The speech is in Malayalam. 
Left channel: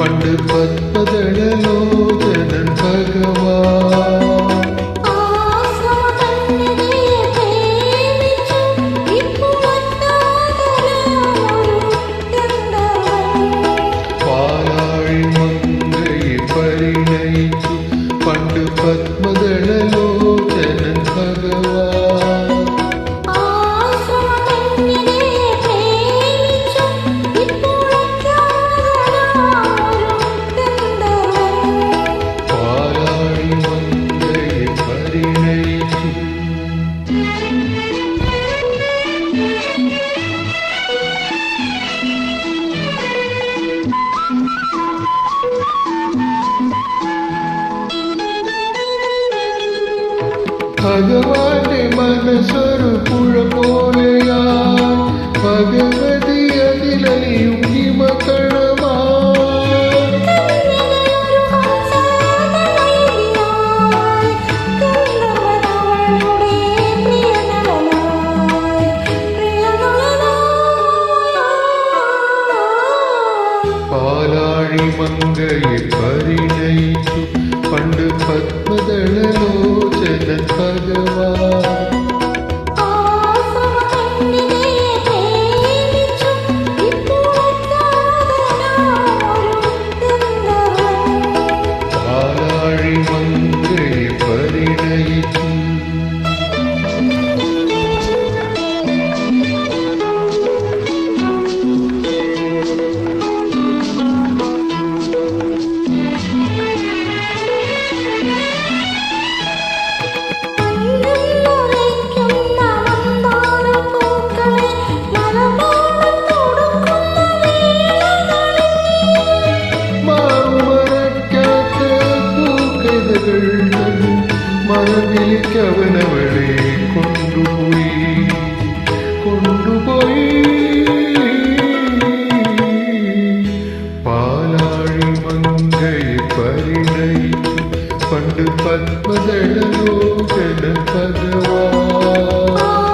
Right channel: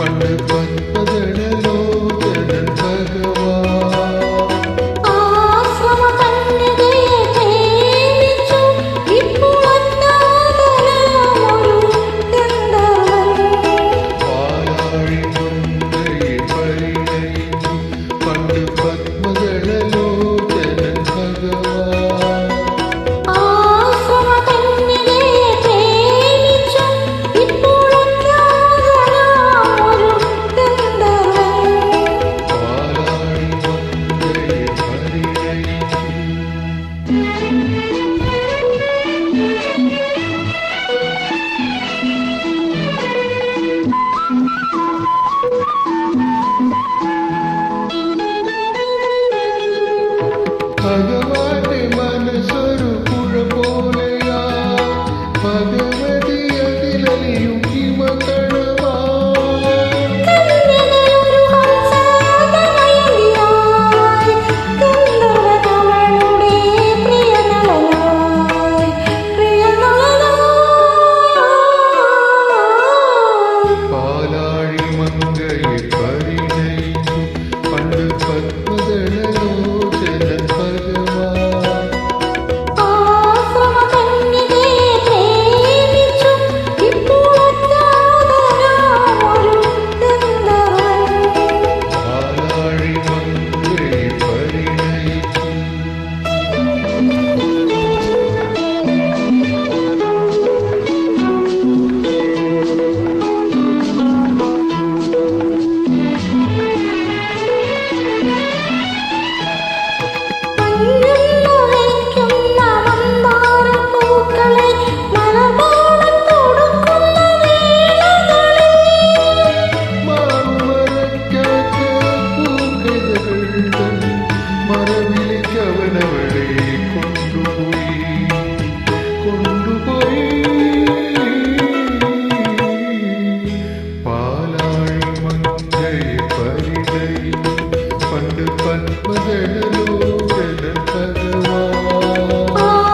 പണ്ട് പത്മദളലോചനൻ ഭഗവാൻ പാലാഴി മങ്കയെ പരിണയിച്ചു പണ്ട് പത്മദളലോചനൻ ഭഗവാൻ ഭഗവാന്റെ മനസ്സൊരു പുഴ പോലെയായി ഭഗവതി അതിലലിയും പാലാഴി മങ്കയെ പരിണയിച്ചു പണ്ട് പത്മദളലോചനൻ ഭഗവാൻ പാലാഴി മങ്കയെ പരിണയിച്ചു മറവിലേക്കവനവളെ കൊണ്ടുപോയി പാലാഴി മങ്കയെ പരിണയിച്ചു പണ്ട് പത്മദളലോചനൻ ഭഗവാൻ